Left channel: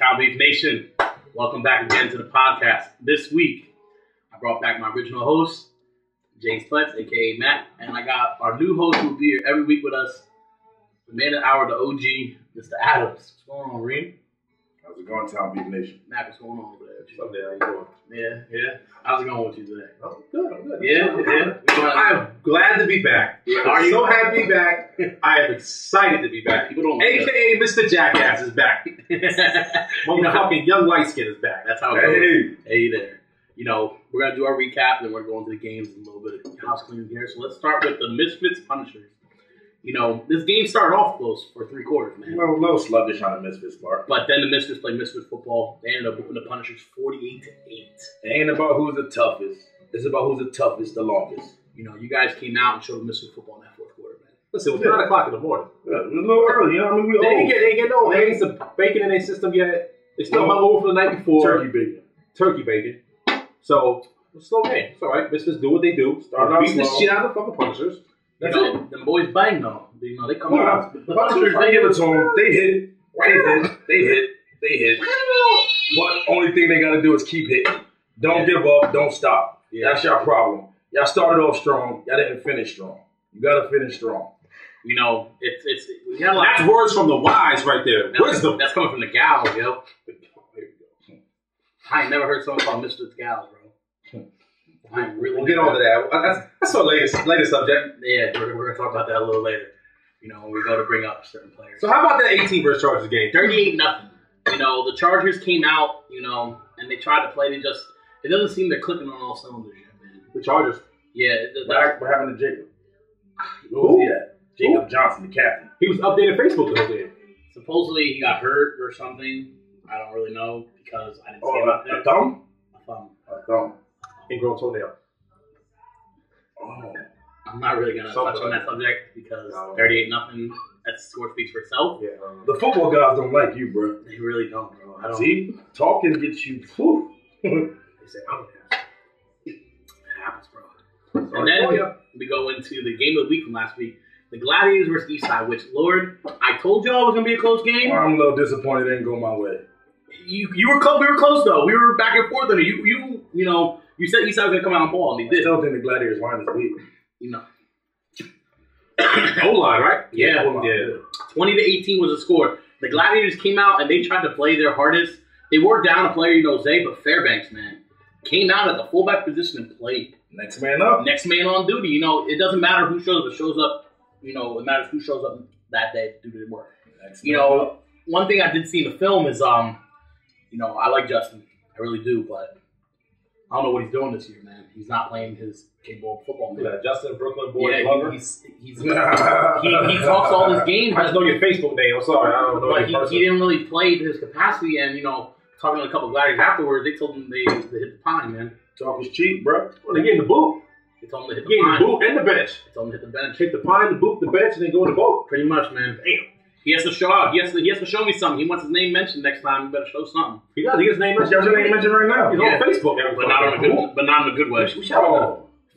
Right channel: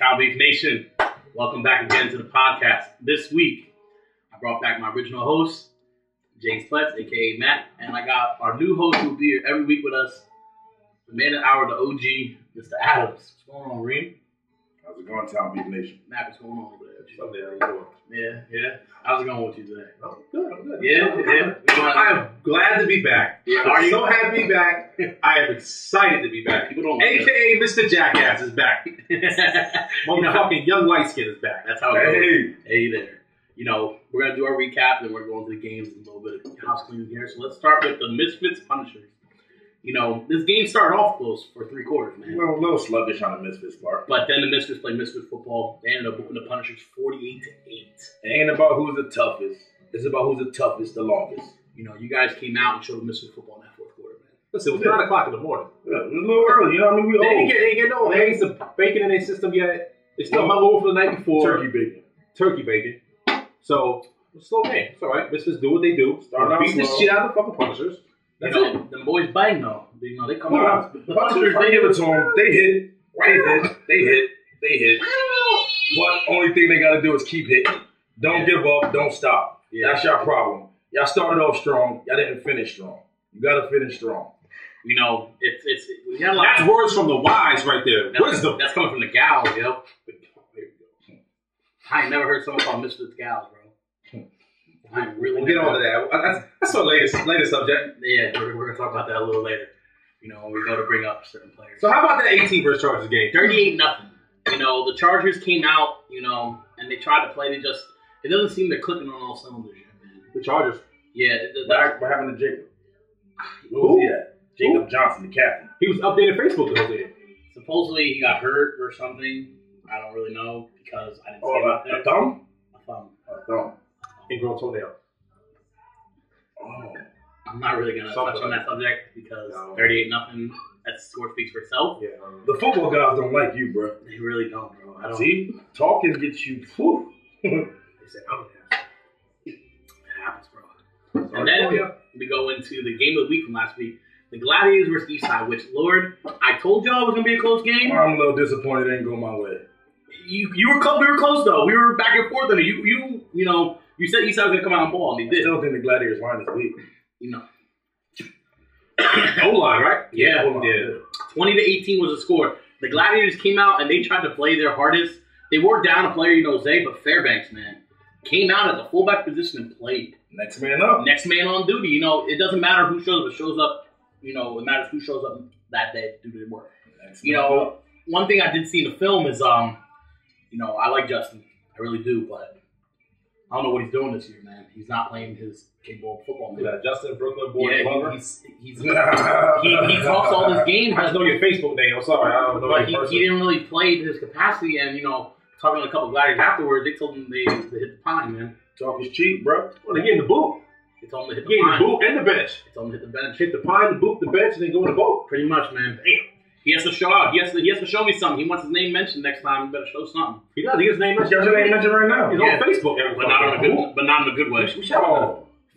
Townbeef Nation, welcome back again to the podcast. This week, I brought back my original host, James Pletz, a.k.a. Matt, and I got our new host who will be here every week with us, the man of the hour, the OG, Mr. Adams. What's going on, Reem? How's it going, Townbeef Nation? Matt, what's going on over there? Up there, how you doing? Yeah. How's it going with you today? I'm good. Yeah. I am glad to be back. Yeah. I'm so happy to be back. I am excited to be back. People don't like a.k.a. Mr. Jackass is back. Motherfucking young white skin is back. That's how it goes. Hey there. You know, we're going to do our recap, and then we're going to the games and a little bit of house cleaning here. So let's start with the Misfits Punishers. You know, this game started off close for 3 quarters, man. Well, a little sluggish on the Misfits part. But then the Misfits played Misfits football. They ended up whooping the Punishers 48-8. It ain't about who's the toughest. It's about who's the toughest the longest. You know, you guys came out and showed Misfits football in that 4th quarter, man. Listen, it was 9 o'clock in the morning. Yeah, it was a little early, you know what I mean? They ain't get no eggs or bacon in their system yet. They still hung over for the night before. Turkey bacon. So, it's a slow game. It's all right. Misfits do what they do. Beat the shit out of the fucking Punishers. That's it. Them boys bang though. You know, they come out. The Punishers, they give it to them. They hit. They hit. But only thing they got to do is keep hitting. Don't give up. Don't stop. Yeah. That's your problem. Y'all started off strong. Y'all didn't finish strong. You got to finish strong. You know, we got like, that's words from the wise right there. Wisdom. That's coming from the gals, yo. I ain't never heard someone call Misfits gals, bro. We'll get on to that. That's our latest subject. Yeah, we're going to talk about that a little later. You know, when we go to bring up certain players. So how about that 18 versus Chargers game? 38-0. You know, the Chargers came out, you know, and they tried to play. It doesn't seem they're clicking on all cylinders yet, man. The Chargers? Yeah. What happened to Jacob? Who was he at? Jacob Johnson, the captain. He was updating Facebook the whole day. Supposedly he got hurt or something. I don't really know because I didn't see him out there. A thumb? A thumb. Ingrown toenail. Oh. I'm not really going to touch on that subject because 38-0, that score speaks for itself. Yeah. The football guys don't like you, bro. They really don't, bro. I don't. See? Talking gets you. Whew. They say, it happens, bro. And then we go into the game of the week from last week. The Gladiators versus Eastside, which, Lord, I told y'all it was going to be a close game. I'm a little disappointed it didn't go my way. You were close. We were close, though. We were back and forth. And you know, you said Eastside was going to come out and ball, and they did. I still think the Gladiators won this week. You know. O-line, right? Yeah. 20-18 was the score. The Gladiators came out, and they tried to play their hardest. They wore down a player, Zay, but Fairbanks, man, came out at the fullback position and played. Next man up. Next man on duty. You know, it doesn't matter who shows up. It shows up. You know, it matters who shows up that day to do the work. You know, one thing I did see in the film is, you know, I like Justin. I really do, but I don't know what he's doing this year, man. He's not playing his capable football. Man. Yeah, Justin, Brooklyn boy, yeah, he talks all this game. I just know your Facebook name. I'm sorry, I don't know. But he didn't really play to his capacity, and you know, talking to a couple of guys afterwards, they told him they hit the pine, man. Talk is cheap, bro. Well, they gave him the boot. They told him to hit the pine. The boot and the bench. They told him to hit the bench. Hit the pine, the boot, the bench, and then go in the boat. Pretty much, man. Damn. He has to show out. He has to show me something. He wants his name mentioned next time. You better show something. He does. He gets his name mentioned. He has his name mentioned right now. He's on Facebook. But not in a good way.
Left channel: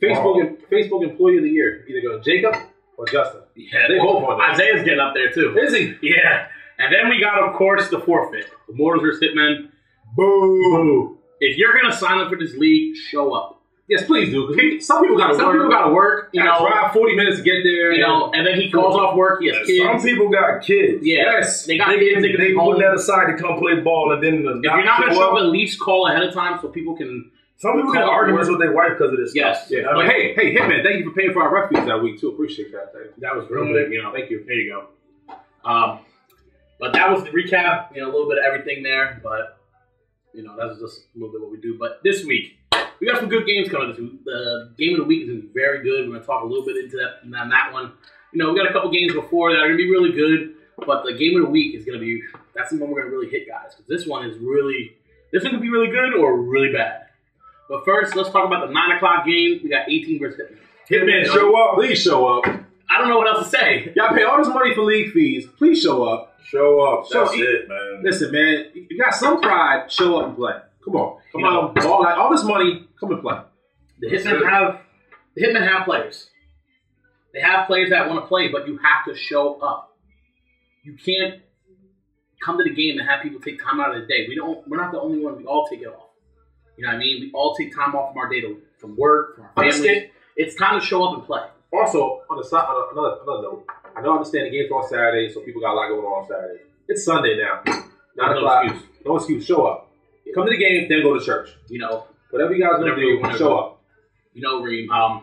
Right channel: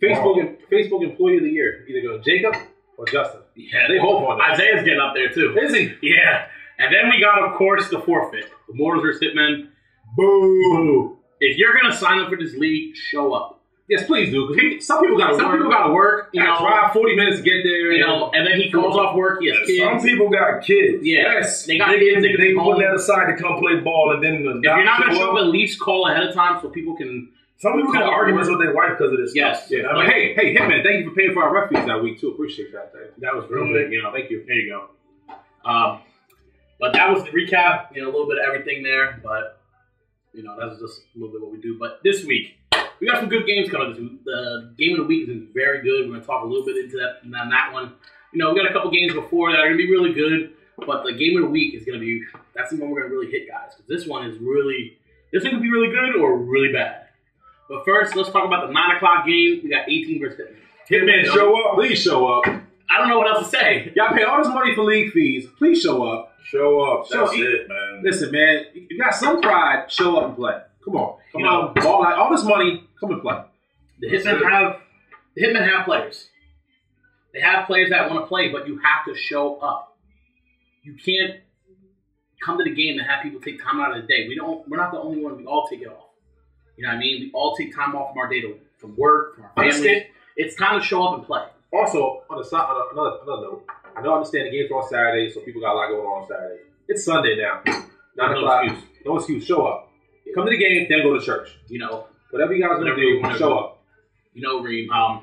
Facebook Employee of the Year. Either go Jacob or Justin. Yeah, they both on there. Isaiah's getting up there too. Is he? Yeah. And then we got, of course, the forfeit. The Mortals versus Hitmen. Boo. If you're gonna sign up for this league, show up. Yes, please do. Because some people got to work. You know, drive 40 minutes to get there. You know, and then he calls off work. He has kids. Some people got kids. Yeah. Yes, they got kids. They put that aside to come play ball, and then if you're not gonna show up, at least call ahead of time so people can. Some people get arguments with their wife because of this. Yes. Yeah. But hey, Hitman, thank you for paying for our refuge that week too. Appreciate that. That was real big. You know, thank you. There you go. But that was the recap. You know, a little bit of everything there, but you know, that's just a little bit what we do. But this week, we got some good games coming this week. The game of the week is going to be very good. We're going to talk a little bit into that on that one. You know, we got a couple games before that are going to be really good, but the game of the week is going to be, that's the one we're going to really hit, guys. Because this one is really, this one could be really good or really bad. But first, let's talk about the 9 o'clock game. We got 18 versus Hitman. Hitman, show up. Please show up. I don't know what else to say. Y'all pay all this money for league fees. Please show up. Show up. That's it, man. Listen, man, you got some pride. Show up and play. Come on. Come on. Ball, like, all this money, come and play. The Hitmen have players. They have players that want to play, but you have to show up. You can't come to the game and have people take time out of the day. We're not the only ones. We all take it off. You know what I mean? We all take time off from our day from work, from our family. It's time to show up and play. Also, on another note, I understand the game's on Saturday, so people got a lot going on Saturday. It's Sunday now. No excuse. No excuse. Show up. Come to the game, then go to church. You know, whatever you guys want to do, show up. You know, Reem. I'm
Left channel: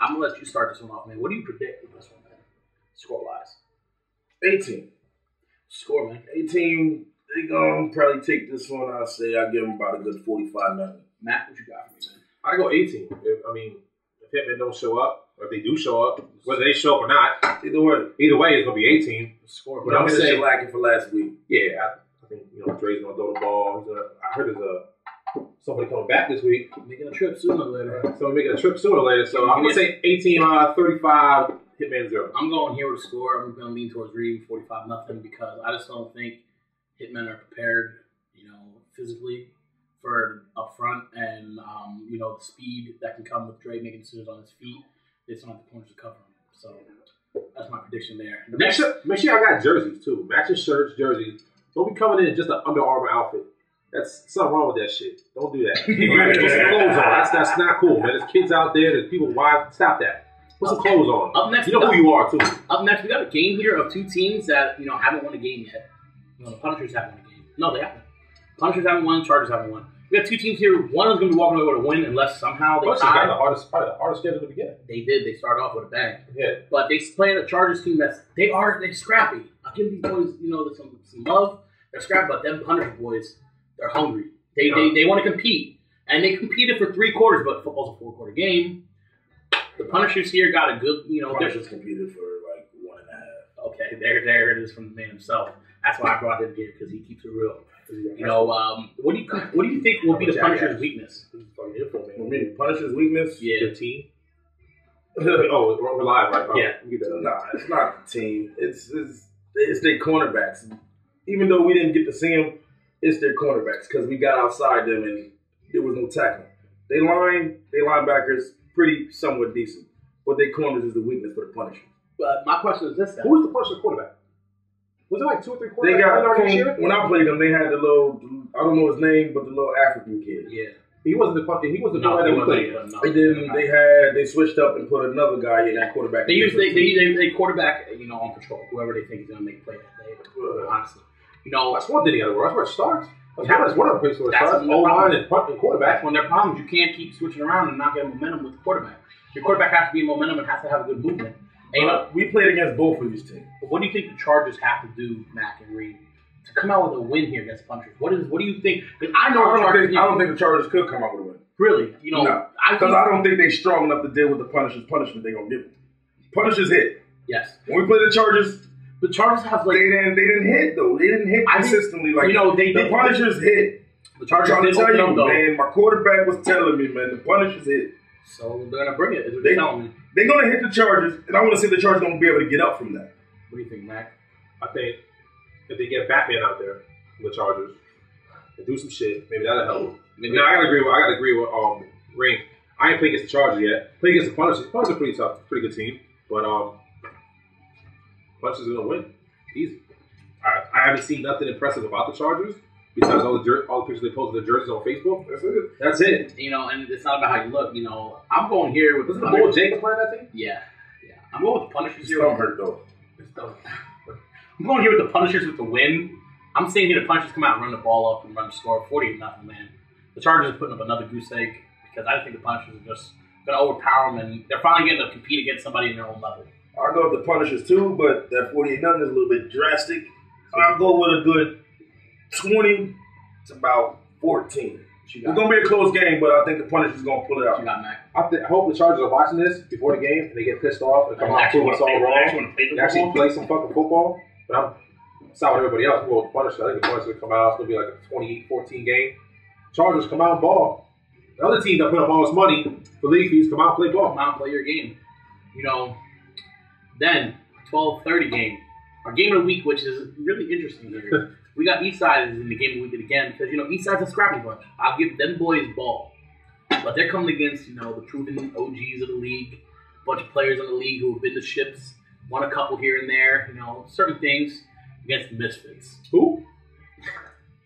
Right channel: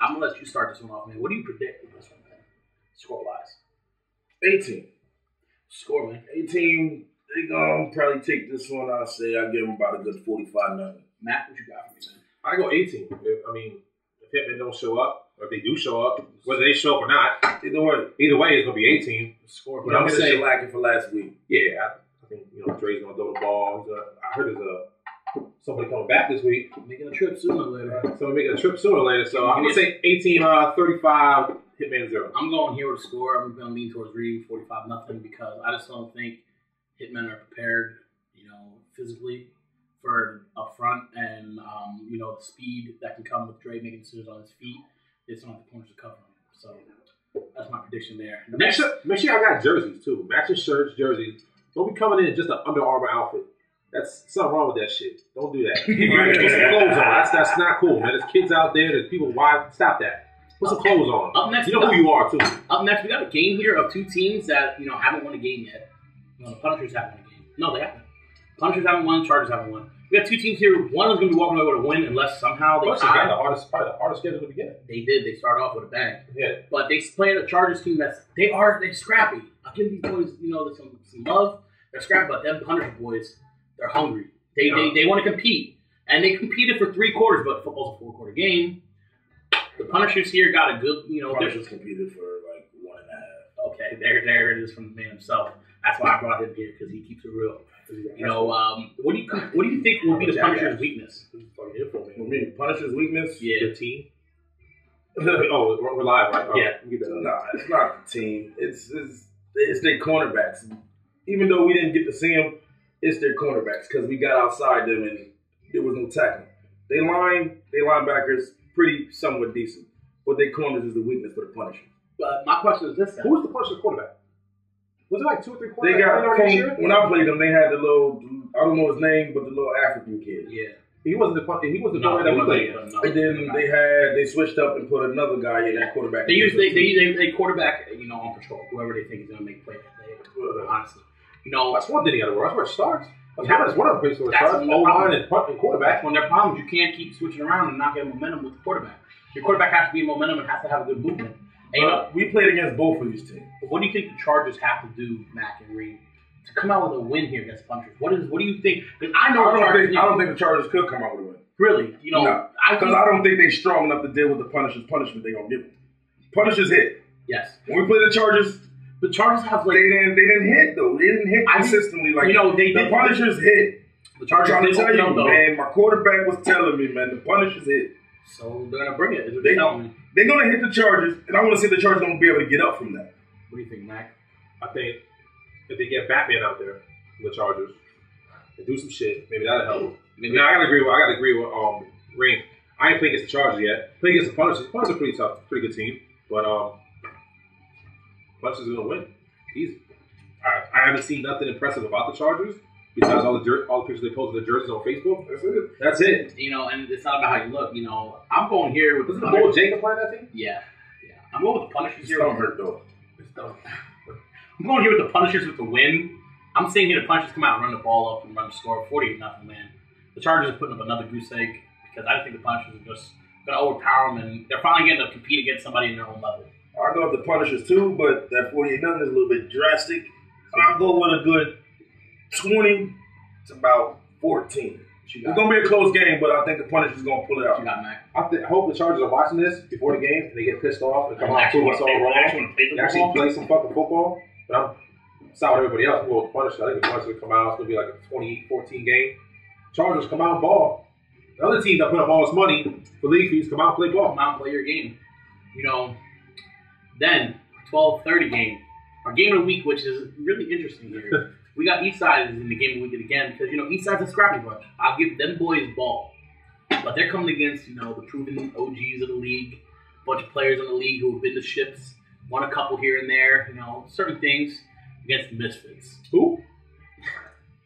gonna let you start this one off, man. What do you predict for this one, man? Score-wise, 18. Score, man. 18. They gonna probably take this one. I'll say I'll give them about a good 45-0. Matt, what you got for me, man? I go 18. If Hitmen don't show up, or if they do show up, whether they show up or not, either way, it's gonna be 18. Score. But I'm gonna say lacking for last week. Yeah, I think Dre's gonna throw the ball. I heard there's somebody coming back this week, making a trip sooner or later. Somebody making a trip sooner or later. So I'm gonna say 18, 35. Hitman 0. I'm going here with a score. I'm gonna lean towards Reem 45-0 because I just don't think Hitmen are prepared, physically for up front and the speed that can come with Dre making decisions on his feet. They just don't have the points to cover him. So that's my prediction there. Make sure I got jerseys too. Matching shirts, jerseys. Don't be coming in just an Under Armour outfit. That's something wrong with that shit. Don't do that. Put some clothes on. That's not cool, man. There's kids out there. There's people. Why stop that? Put some clothes on. Up next, you know who you are too. Up next, we got a game here of two teams that haven't won a game yet. The Punishers haven't won a game. No, they haven't. Punishers haven't won. Chargers haven't won. We have two teams here. One is going to be walking away with a win unless somehow they tie. Probably the hardest schedule to begin. They did. They started off with a bang. Yeah. But they played a Chargers team they're scrappy. I'll give these boys some love. They're scrappy, but them Punisher boys, they're hungry. They want to compete, and they competed for 3 quarters. But football's a 4-quarter game. The Punishers here got a good, Punishers competed for like 1.5. Okay, there it is from the man himself. That's why I brought him here because he keeps it real. What do you think will be the Punisher's weakness? The Punisher's weakness? Yeah, the team. Oh, we're live, right? Oh, yeah. Nah, it's not the team. It's their cornerbacks. Even though we didn't get to see them, it's their cornerbacks because we got outside them and there was no tackling. They linebackers pretty somewhat decent, but their corners is the weakness for the Punishers. My question is this: who's the Punisher's quarterback? Was it like 2 or 3 quarterbacks? They got when I played them, they had the little, I don't know his name, but the little African kid. Yeah. He wasn't the quarterback that we played. And then they switched up and put another guy in that quarterback. They quarterback, on patrol, whoever they think is going to make play that day. Honestly, that's one thing you got to work. That's where it starts. That's one of the places where it starts. O-line and quarterback. That's one of their problems. You can't keep switching around and not get momentum with the quarterback. Your quarterback has to be in momentum and has to have a good movement. We played against both of these teams. What do you think the Chargers have to do, Mac and Reed, to come out with a win here against Punishers? What do you think? I don't think the Chargers could come out with a win. Really? Because I don't think they're strong enough to deal with the Punishers' punishment they're gonna give them. Punishers hit. Yes. When we play the Chargers have they didn't hit though. They didn't hit consistently the Punishers hit. The Chargers I'm trying to tell you, though. man. My quarterback was telling me, man, the Punishers hit. So they're gonna bring it. Is what they're telling me. They're going to hit the Chargers, and I want to see the Chargers going to be able to get up from that. What do you think, Mac? I think if they get Batman out there, the Chargers, and do some shit, maybe that'll help. Now, I gotta agree with Ring. I ain't played against the Chargers yet. Play against the Punishers. The Punishers are pretty tough, pretty good team. But Punishers are going to win. Easy. I haven't seen nothing impressive about the Chargers. Besides all the pictures they posted their jerseys on Facebook. That's it. And it's not about how you look. I'm going here with... Wasn't the Bull Jacob playing that team? Yeah. I'm going with the Punishers here. Don't hurt though. I'm going here with the Punishers with the win. I'm saying here the Punishers come out and run the ball up and run the score 40-0, man. The Chargers are putting up another goose egg because I think the Punishers are just going to overpower them and they're finally getting to compete against somebody in their own level. I'll go with the Punishers too, but that 48-0 is a little bit drastic. I'll go with a good 20 to about 14. It's going to be a close game, but I think the Punishers is going to pull it out. I hope the Chargers are watching this before the game and they get pissed off and come out and prove us all wrong. Actually play some fucking football. But I'm sorry with everybody else. Well, I think the Punishers will come out. It's going to be like a 28-14 game. Chargers come out and ball. The other teams that put up all this money for league fees come out and play ball. Come out and play your game. Then 12:30 game. Our game of the week, which is really interesting here. We got Eastside in the game of the week again because, Eastside's a scrappy bunch. I'll give them boys ball. But they're coming against, the proven OGs of the league, a bunch of players in the league who have been to ships, won a couple here and there, certain things. against the Misfits. Who?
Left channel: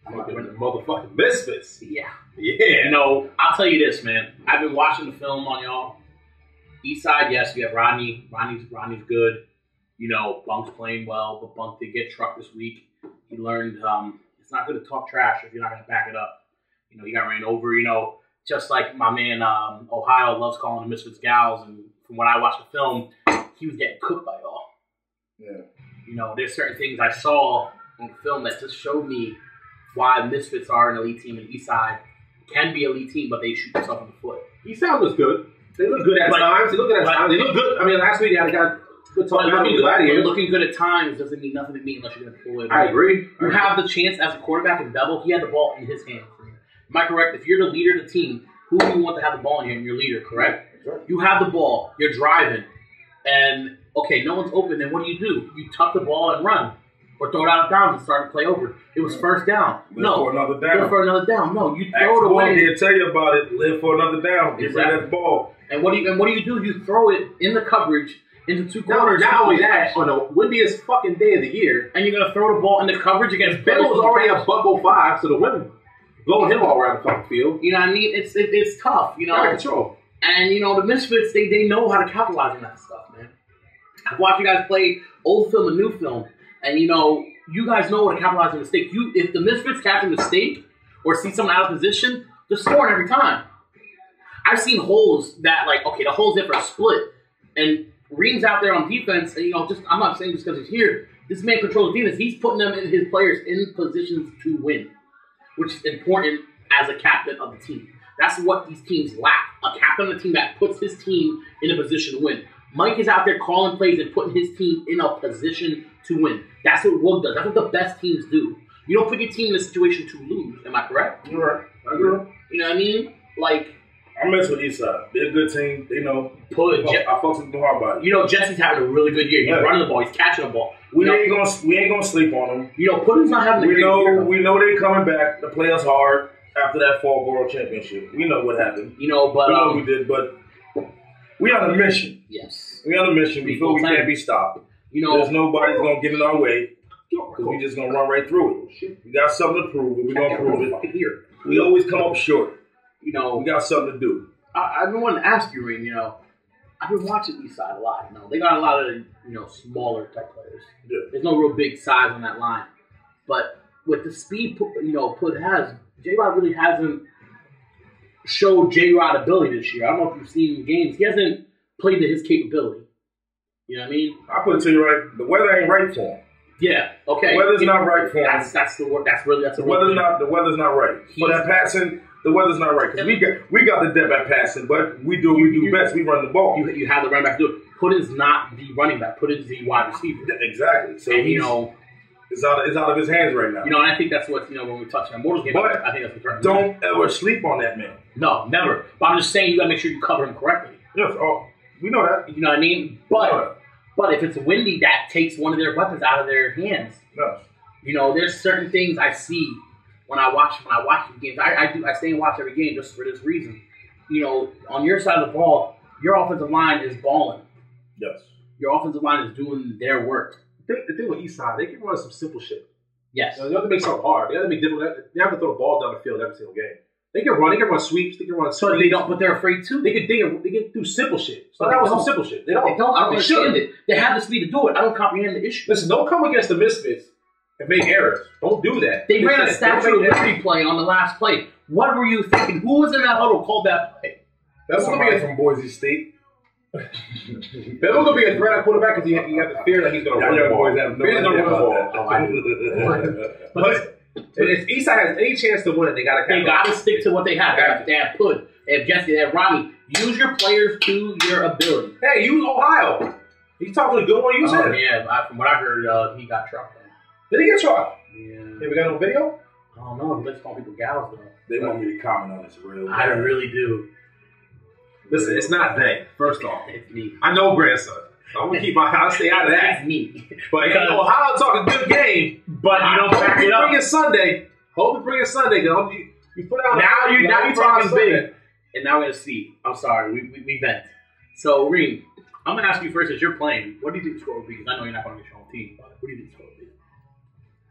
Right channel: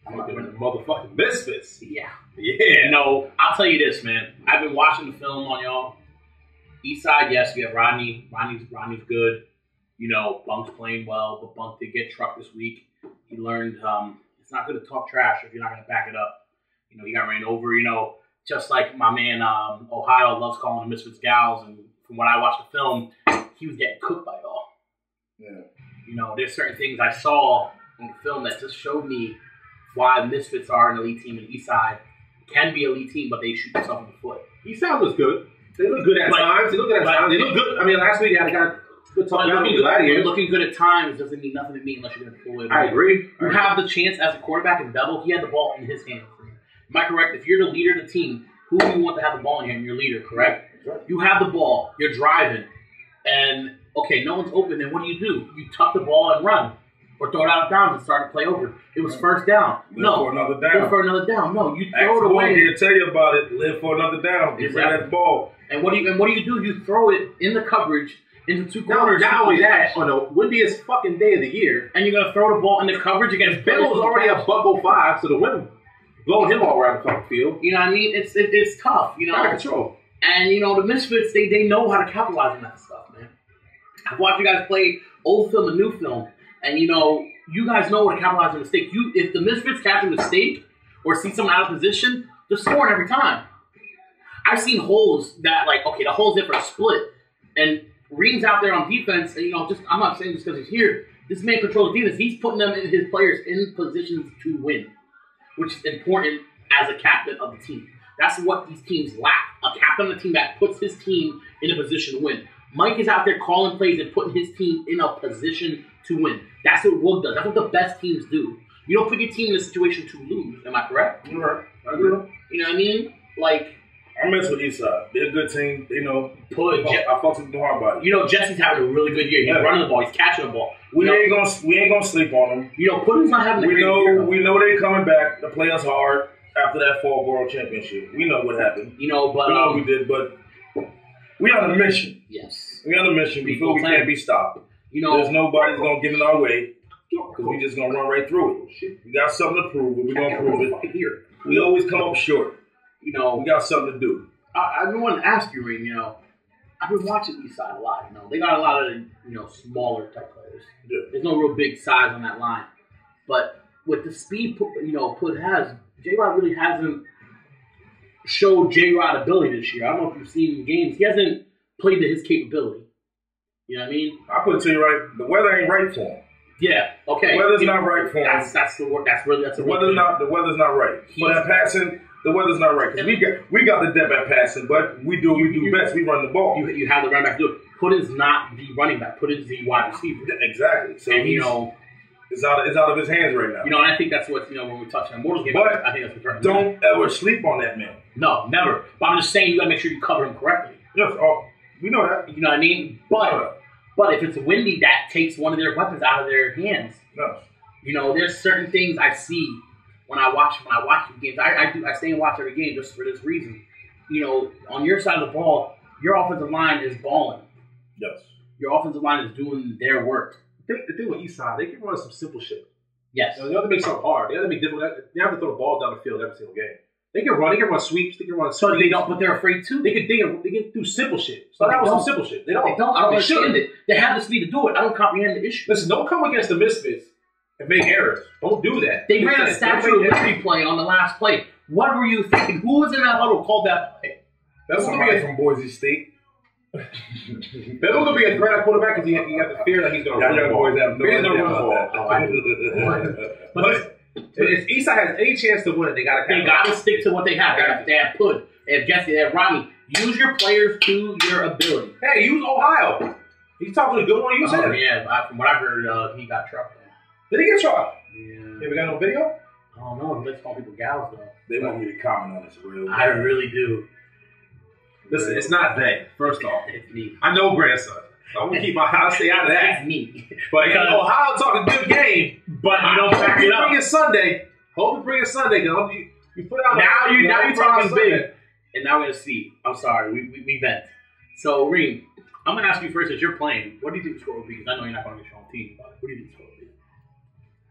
The motherfucking Misfits. Yeah. Yeah. You know, I'll tell you this, man. I've been watching the film on y'all. Eastside, yes, we have Rodney. Rodney's good. You know, Bunk's playing well, but Bunk did get trucked this week. He learned it's not good to talk trash if you're not going to back it up. You know, he got ran over, you know, just like my man Ohio loves calling the Misfits gals. And from when I watched the film, he was getting cooked by y'all. Yeah. You know, there's certain things I saw in the film that just showed me why the Misfits are an elite team and Eastside can be an elite team, but they shoot themselves in the foot. Eastside looks good. They look good at times. They look good at times. They look good. I mean, last week they got good talk about looking good at times doesn't mean nothing to me unless you're going to pull it. I agree. You have the chance as a quarterback in double. He had the ball in his hands. Am I correct? If you're the leader of the team, who do you want to have the ball in your hand? Your leader, correct? You have the ball. You're driving. And, okay, no one's open. Then what do? You tuck the ball and run. Or throw it out of bounds and start to play over. It was first down. Live for another down. Live for another down. No, you throw it away. He'll tell you about it. Live for another down. Get rid of that ball. And what do you do? You throw it in the coverage into two corners. Not only that, on the windiest fucking day of the year, and you're gonna throw the ball in the coverage against Ben was already a $105, so the wind blowing him all around the fucking field. You know what I mean? It's tough. You know, out of control. And you know the Misfits, they know how to capitalize on that stuff, man. I've watched you guys play old film and new film, and you know you guys know how to capitalize on a mistake. If the Misfits catch a mistake or see someone out of position, they're scoring every time. I've seen holes that, like, okay, the hole's there for a split, and Ream's out there on defense, and, you know, I'm not saying just because he's here, this man controls defense. He's putting his players in positions to win, which is important as a captain of the team. That's what these teams lack, a captain of the team that puts his team in a position to win. Mike is out there calling plays and putting his team in a position to win. That's what Wood does. That's what the best teams do. You don't put your team in a situation to lose. Am I correct? You're right. I agree. You know what I mean? Like, I mess with Eastside. They're a good team. You know, I fuck with the hard body. You know, Jesse's having a really good year. He's running the ball. He's catching the ball. We ain't gonna sleep on them. You know, Pudding's not having a great year. We know they're coming back to play us hard after that fall world championship. We know what happened. You know, but we know what we did, but we on a mission. Yes, we on a mission. We feel we can't be stopped. You know, there's nobody's gonna get in our way because we just gonna run right through it. We got something to prove, and we gonna prove it. Here, we always come up short. You know, we got something to do. I've been wanting to ask you, Ring. You know, I've been watching Eastside a lot. You know, they got a lot of smaller type players. Yeah. There's no real big size on that line, but with the speed Put has, J-Rod really hasn't showed J-Rod ability this year. I don't know if you've seen games. He hasn't played to his capability. You know what I mean? I put it to you right. The weather ain't right for him. Yeah. Okay. The weather's not right for him. That's the word. The weather's not right. For that passing, the weather's not right because we got the depth at passing, but we do best. We run the ball. You have the running back do it. Puddin's not the running back. Puddin's the wide receiver. Exactly. So and, it's out of his hands right now. You know, and I think that's what when we touch on Mortals game. But I think that's what don't ever sleep on that man. No, never. But I'm just saying you got to make sure you cover him correctly. Yes. We know that. You know what I mean? But if it's windy, that takes one of their weapons out of their hands. No. You know, there's certain things I see when I watch the games. I stay and watch every game just for this reason. You know, on your side of the ball, your offensive line is balling. Yes. Your offensive line is doing their work. The thing with Eastside, they can run some simple shit. Yes. They don't have to make something hard. They have to make difficult. They have to throw the ball down the field every single game. They can run sweeps. They can run. But they don't. But they're afraid too. They can do simple shit. So that was some simple shit. They don't. I don't understand it. They have the speed to do it. I don't comprehend the issue. Listen, don't come against the Misfits and make errors. Don't do that. They ran a Statue of Liberty play on the last play. What were you thinking? Who was in that huddle called that play? That's somebody from Boise State. They're going to be a threat at quarterback because you have the fear that he's going to run the ball. He's going to run the ball. But if Eastside has any chance to win it, they got to stick to what they have. They have Pud, they have Jesse, they have Robbie. Use your players to your ability. Hey, use Ohio. He's talking a good one. Use him. Yeah, from what I heard, he got trucked. Did he get trucked? Yeah. Hey, we got no video? I don't know. He likes calling people gals, though. They want me to comment on this real bad. I really do. Listen, it's not they. First off, it's me. I know grandson. So I'm gonna keep I'll stay out of that. It's me. But Ohio talking good game, but you don't back it up. Bring it Sunday. Hope to bring it Sunday. You put out now you're talking big, and now we're gonna see. I'm sorry, we vent. So Reem, I'm gonna ask you first as you're playing. What do you think the score will be? Because I know you're not gonna get your own team, but what do you think the score will be?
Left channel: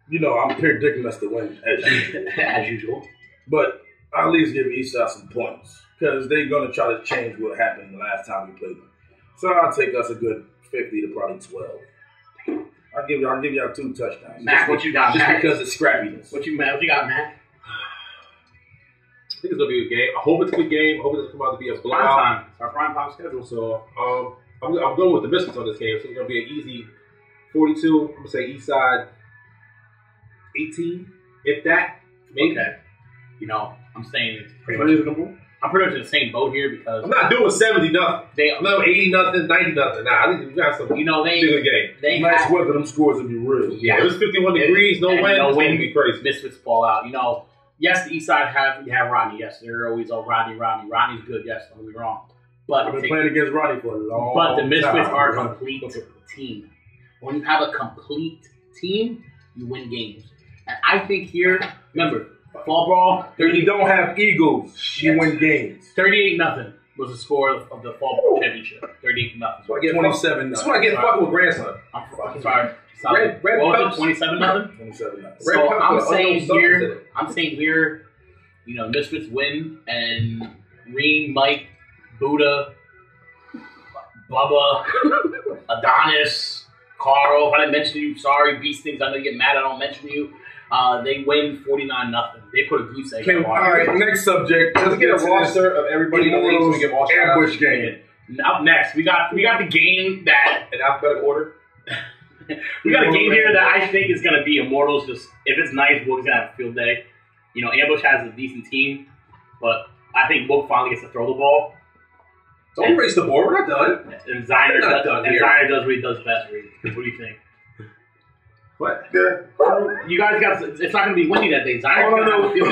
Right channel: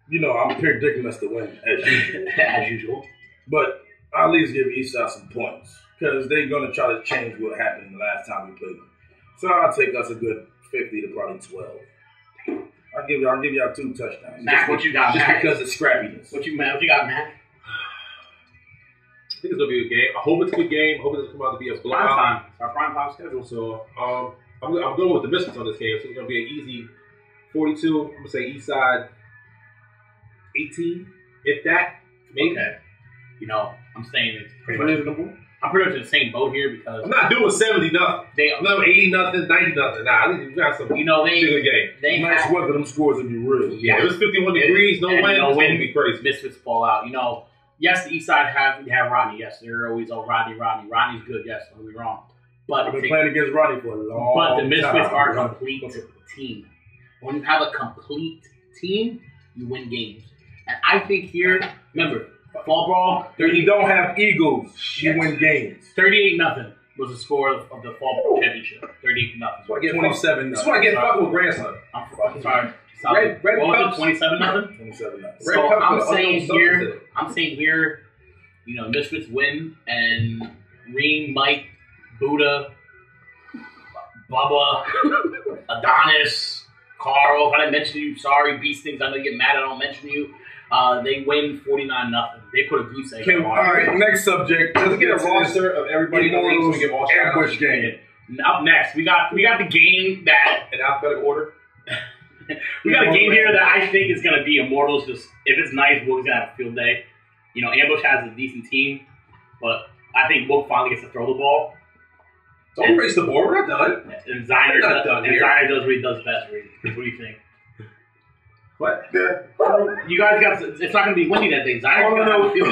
You know, I'm predicting us to win as usual. As usual. But I'll at least give Eastside some points because they're going to try to change what happened the last time we played them. So I'll take us a good 50 to probably 12. I'll give y'all 2 touchdowns. Mac, what you got, just Mac? because of scrappiness. What you got, Mac? I think it's gonna be a good game. I hope it's a good game. I hope it doesn't come out to be a blowout. Prime time. Our prime time schedule. So I'm going with the Misfits on this game. So it's gonna be an easy 42. I'm gonna say Eastside 18, if that. Maybe. Okay. You know, I'm saying it's pretty much reasonable. I'm pretty much in the same boat here because I'm not doing 70 nothing. I'm not 80 nothing, 90 nothing. Nah, I think we got some. You know, good game. They nice weather. Them scores would be real. Yeah, it was 51 degrees, no wind. No wind. It'd be crazy. Misfits fall out. You know. Yes, the East Side have Rodney. Yes, they're always Rodney. Rodney's good. Yes, don't get me wrong. But I've been playing against Rodney for a long time. But the Misfits are a complete team. When you have a complete team, you win games. And I think here, remember, fall brawl. When you don't have egos, you win games. 38-0 was the score of the fall brawl championship. 38-0. So I get 27. That's why I get fucking with grandson. I'm fucking sorry. Red what was it, 27-0? 27. So I'm saying here, you know, Misfits win, and Reem, Mike, Buddha, Bubba, Adonis, Carl. If I didn't mention you, sorry, Beast Things. I know you get mad I don't mention you. They win 49-0. They put a goose egg on. All right, next subject. Let's get a roster of everybody. Ambush game. Up next, we got the game that in alphabetical order. We got a game here that I think is going to be Immortals. Just if it's nice, Wook's going to have a field day. You know, Ambush has a decent team, but I think Wook finally gets to throw the ball. Don't race the board. We're not done. And Ziner does what he does best. Reed. What do you think? What? You guys got. It's not going to be windy that day. Ziner's going to have a field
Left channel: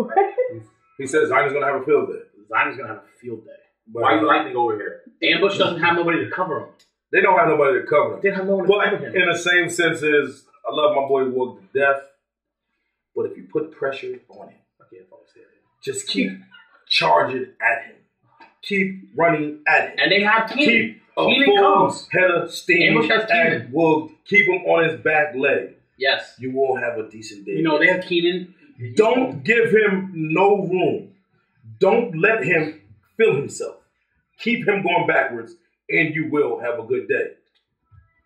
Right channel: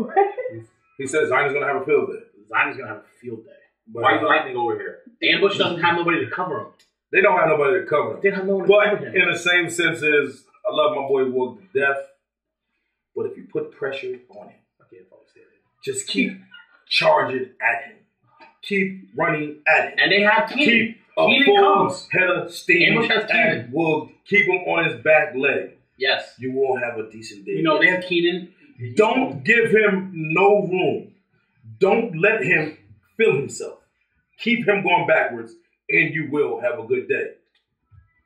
day. He says Ziner's going to have a field day. Ziner's going to have a field day. But why are you lightning over here? Ambush doesn't have nobody to cover him. They don't have nobody to cover them. They have no one to cover him. In the same sense as I love my boy Wook to death, but if you put pressure on him, just keep charging at him. Keep running at him. And they have Keenan. Keep a full head of steam at Wook. Keep him on his back leg. Yes. You will have a decent day. You know, they have Keenan. Don't give him no room. Don't let him feel himself. Keep him going backwards, and you will have a good day.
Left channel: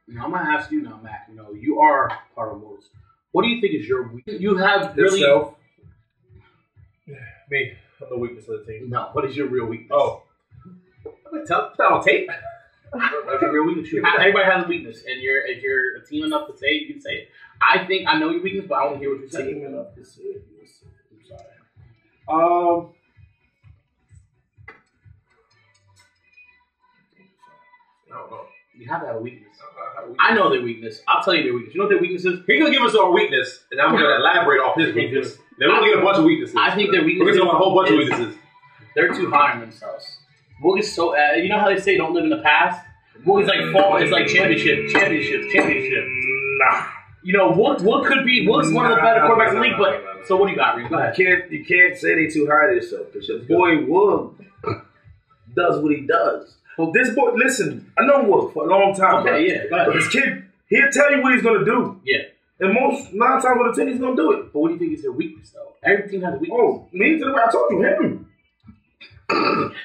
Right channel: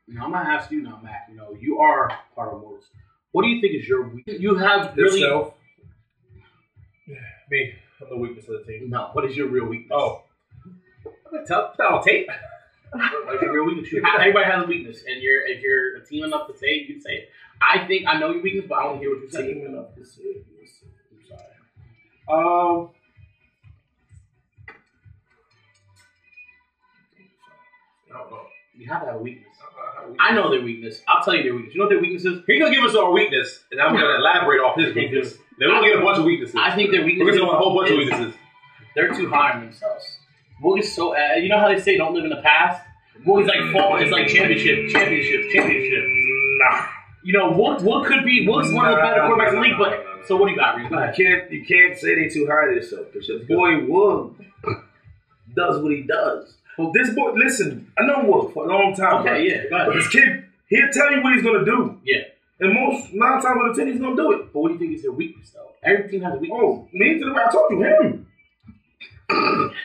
Now, I'm going to ask you now, Mac. You know, you are part of Immortals. What do you think is your weakness? You have really... Yourself? Me. I'm the weakness of the team. No. What is your real weakness? Oh. Tell on tape. What's your real weakness? Everybody has a weakness, and if you're a team enough to say it, you can say it. I know your weakness, but I want to hear what you're saying. Team enough to say it. I'm sorry. I don't know. You have to have a weakness. I know their weakness. I'll tell you their weakness. You know what their weakness is? He's going to give us our weakness, and I'm going to elaborate off his weakness. Then we're going to get a bunch of weaknesses. I think their weakness is... We're going to get a whole bunch of weaknesses. They're too high on themselves. Wook is so... you know how they say don't live in the past? Wook is like fall. It's like championship. Nah. You know, Wook could be... Wook's one of the better quarterbacks in the league, but... So what do you got, Reed? Go ahead. You can't say they too high on themselves. Because your boy Wook does what he does. Well, this boy, listen, I know Wook for a long time. Okay, yeah. Go ahead. But this kid, he'll tell you what he's going to do. Yeah. And 9 times out of 10, he's going to do it. But what do you think is their weakness, though? Every team has a weakness. Oh, me to the way I told you, him.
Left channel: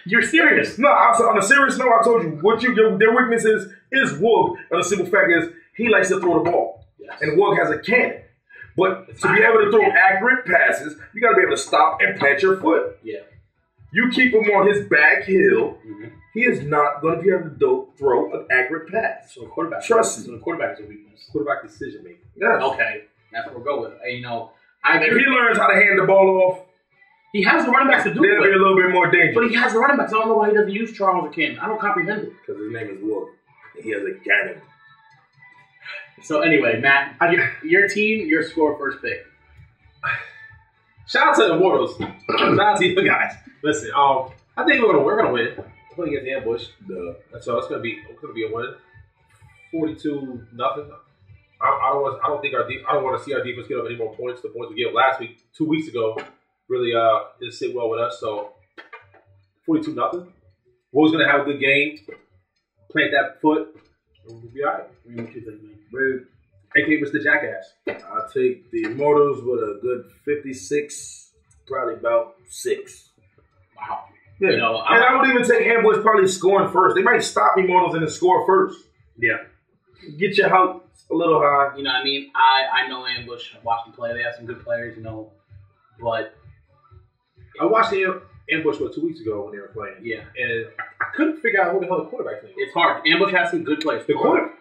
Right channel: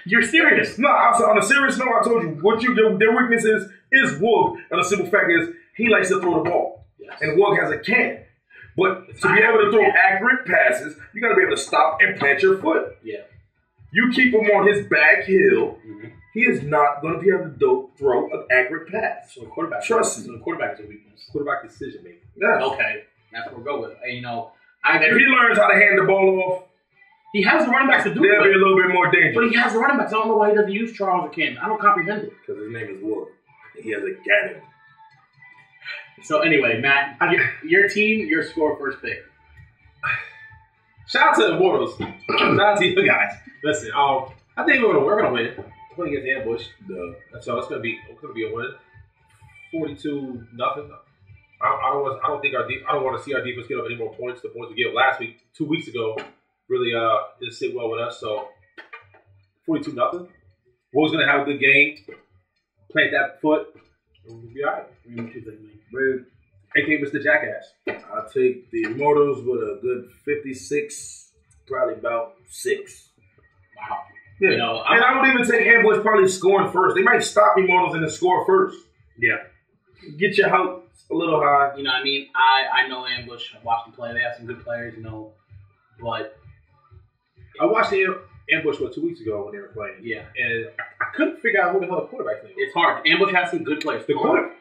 You're serious? No, on a serious note, I told you, their weakness is Wook. And the simple fact is, he likes to throw the ball. Yes. And Wook has a cannon. But to be able to throw accurate passes, you got to be able to stop and plant your foot. Yeah. You keep him on his back heel. Mm-hmm. He is not going to be able to throw an accurate pass. So the quarterback, trust me. So the quarterback is a weakness. Quarterback decision making. Yeah. Okay, that's what we'll go with. You know, if he learns how to hand the ball off, he has the running backs to do it. They'll be a little bit more dangerous. But he has the running backs. I don't know why he doesn't use Charles or Ken. I don't comprehend it. Because his name is Wook. And he has a cannon. So anyway, Matt, your team, your score, first pick. Shout out to the Immortals. Shout out to you guys. Listen, I think we're gonna win. We're gonna get the ambush. So it's gonna be a win. 42-0. I don't want to see our defense get up any more points. The points we gave last week, 2 weeks ago, really didn't sit well with us. So 42-0. Wook's gonna have a good game. Plant that foot. We'll be all right. A.K.A. Mr. Jackass. I'll take the Immortals with a good 56, probably about 6. Wow. Yeah. You know, and I don't even take Ambush probably scoring first. They might stop Immortals and then score first. Yeah. Get your house a little high. You know what I mean? I know Ambush. I watched them play. They have some good players, you know. But I watched the Ambush 2 weeks ago when they were playing. Yeah. And I couldn't figure out who the hell the quarterback's name was. it's hard. Ambush has some good players. The quarterback.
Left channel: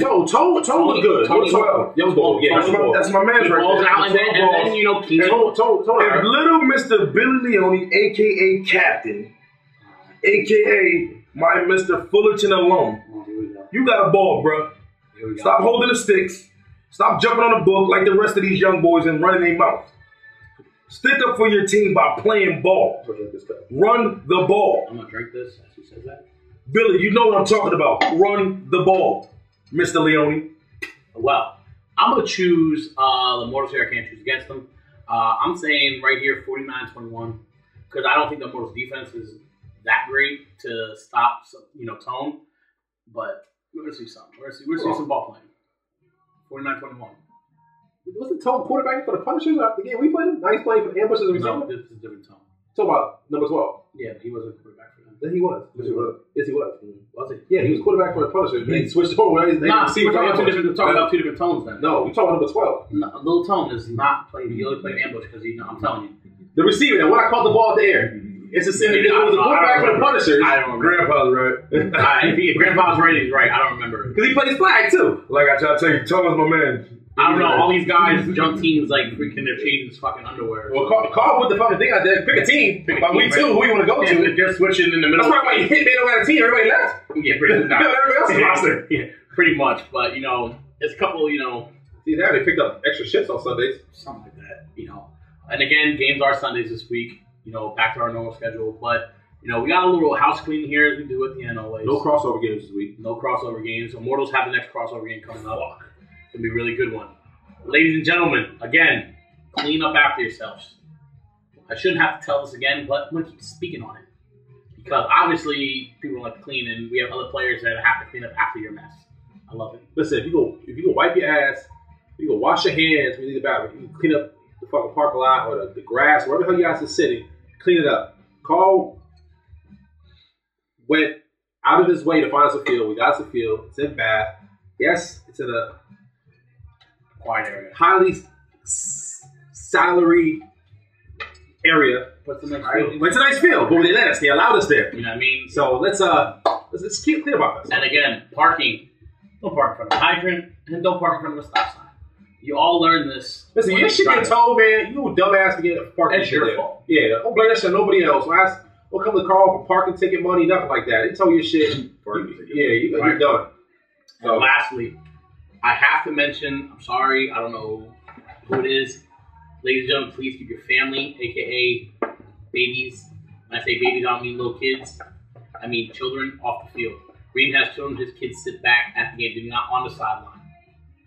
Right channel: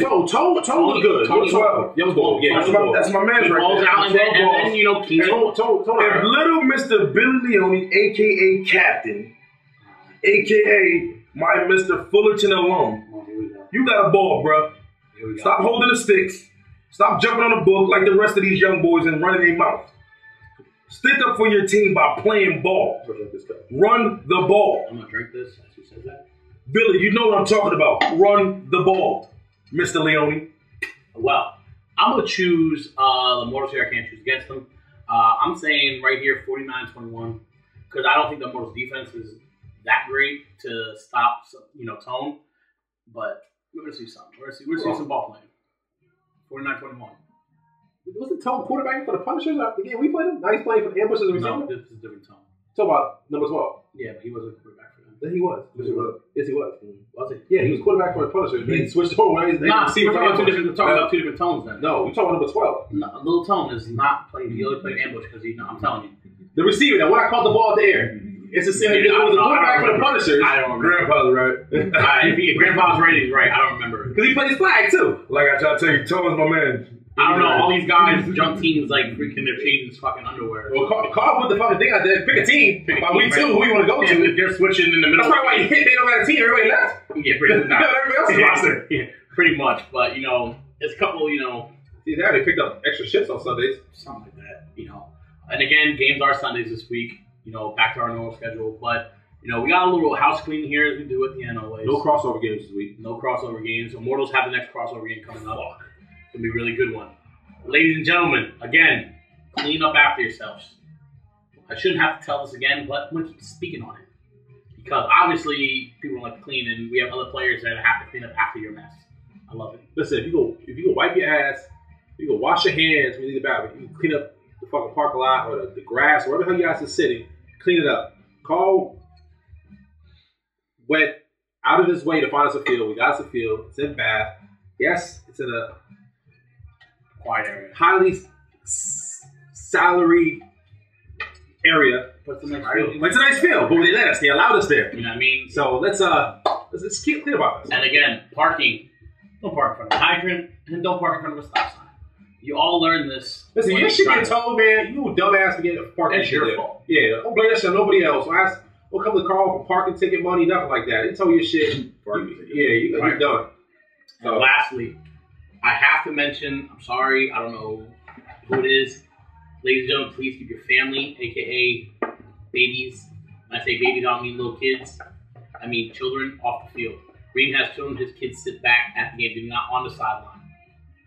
Toe was good. Young Bull. Yeah, That's my man right balls there. out, and then, you know, King. If little Mr. Billy Leone, a.k.a. Captain, a.k.a. my Mr. Fullerton alum, you got a ball, bro. Stop holding the sticks. Stop jumping on the book like the rest of these young boys and running their mouth. Stick up for your team by playing ball. Run the ball. I'm going to drink this. Who says that? Billy, you know what I'm talking about. Run the ball, Mr. Leone. Well, I'm going to choose the Mortals here. I can't choose against them. I'm saying right here 49-21 because I don't think the Mortals defense is that great to stop, you know, Tone. But we're going to see something. We're going to see some ball playing. 49-21. Wasn't Tone quarterbacking for the Punishers after the game we played him? Now he's playing for the Ambushes and No, this is a different Tone. Talk about number 12. Yeah, but he wasn't quarterback for them. Yes, he was. Yes, he was. Was he? Yeah, he was quarterback for the Punishers. Then he switched over. Nah, see, we're talking about two different Tones then. No, we're talking about number 12. No, Lil Tone is not playing. He only played Ambush because I'm telling you. The receiver, now, when I caught the ball at the air, it's the same. It was a quarterback for the Punishers. I don't remember. Grandpa's right. If Grandpa's right, he's right. I don't remember. Because he plays flag, too. Like I try to tell you, Tone's my man. I don't know. All these guys, junk teams, like freaking they're changing his fucking underwear. Well, Carl put the fucking thing out there. Pick a team. By week 2, who you want to go to? They're switching in the middle. That's why Hitman don't got a team. Everybody left. Yeah, pretty much. Everybody else is roster. Yeah, pretty much. But, you know, it's a couple, you know. See, now they picked up extra shifts on Sundays. Something like that, you know. And again, games are Sundays this week. You know, back to our normal schedule. But, you know, we got a little house cleaning here as we do at the end always. No crossover games this week. No crossover games. Immortals have the next crossover game coming up. It's going to be a really good one. Ladies and gentlemen, again, clean up after yourselves. I shouldn't have to tell this again, but I'm going to keep speaking on it. Because obviously, people don't like to clean, and we have other players that have to clean up after your mess. I love it. Listen, if you go wipe your ass, if you go wash your hands when you leave the bathroom, you can clean up the fucking parking lot or the grass, wherever the hell you guys are sitting, clean it up. Carl went out of his way to find us a field. We got us a field. It's in Bath. Yes, it's in a Quiet area. highly salary area. But it's a nice Right? It's a nice field, but they let us. They allowed us there. You know what I mean? So let's keep clear about this. And again, parking. Don't park in front of a hydrant, and don't park in front of a stop sign. You all learn this. Listen, you should get told, man. You a dumbass to get parking. That's your fault. Yeah, don't blame that shit on nobody else. Don't come to Carl for parking ticket money, nothing like that. They tell you shit. You're done. And lastly, I have to mention, I'm sorry, I don't know who it is. Ladies and gentlemen, please keep your family, a.k.a. babies. When I say babies, I don't mean little kids. I mean children off the field. Green has children, his kids sit back at the game. They're not on the sideline.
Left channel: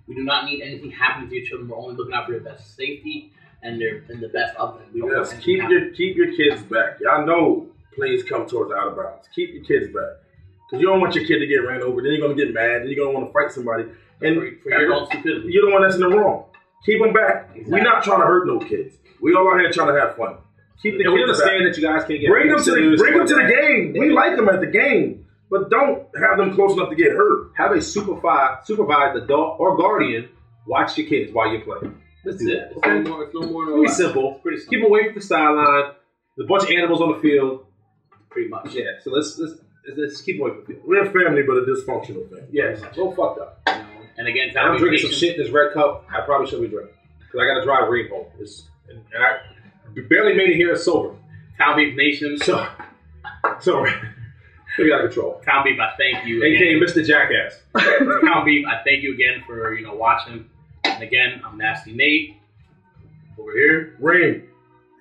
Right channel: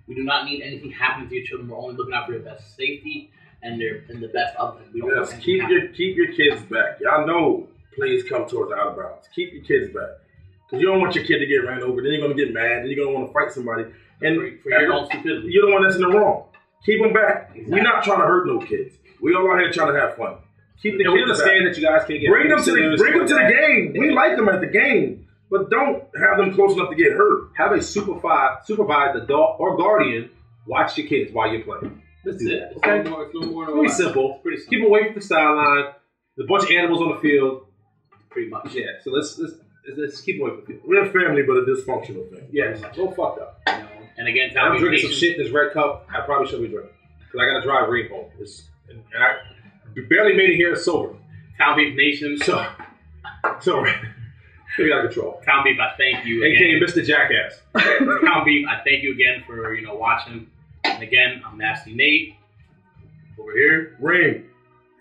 We do not need anything happening to your children. We're only looking out for their best safety and the best of them. We don't want keep your kids back. Y'all know plays come towards out of bounds. Keep your kids back. Because you don't want your kid to get ran over. Then you're going to get mad. Then you're going to want to fight somebody. And for your own stupidity. You're the one that's in the wrong. Keep them back. Exactly. We're not trying to hurt no kids. We all out here trying to have fun. Keep the kids understand back. that you guys can't get bring them to the game. We like them at the game, but don't have them close enough to get hurt. Have a supervise adult or guardian watch your kids while you're playing. Let's do that. Okay? It's no more. Pretty simple. Keep them away from the sideline. There's a bunch of animals on the field. Pretty much. Yeah. So let's keep away from the field. We're a family, but a dysfunctional family. Yes. So fucked up. You know, and again, I'm drinking some shit in this red cup. I probably shouldn't be drinking because I got to drive Green home. And I barely made it here sober. Townbeef Nation. So maybe out of control. Townbeef, I thank you. A.K.A. Mr. Jackass. Townbeef, I thank you again for watching. And again, I'm Nasty Nate. Over here, Rain.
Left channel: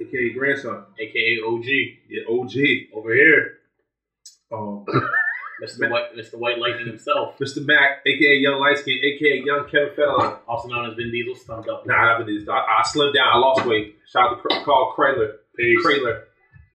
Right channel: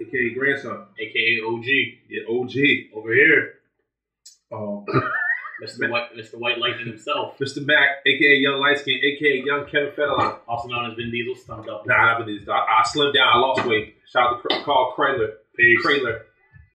A.K.A. Grandson. A.K.A. OG. Yeah, OG. Over here, Mr. White Lightning himself. Mr. Mac, a.k.a. Young Light Skin, a.k.a. Young Kevin Federline. Also known as Vin Diesel, stumped up. Nah, not Vin Diesel. I slimmed down. I lost weight. Shout out to Carl Kraler. Peace. Kraler.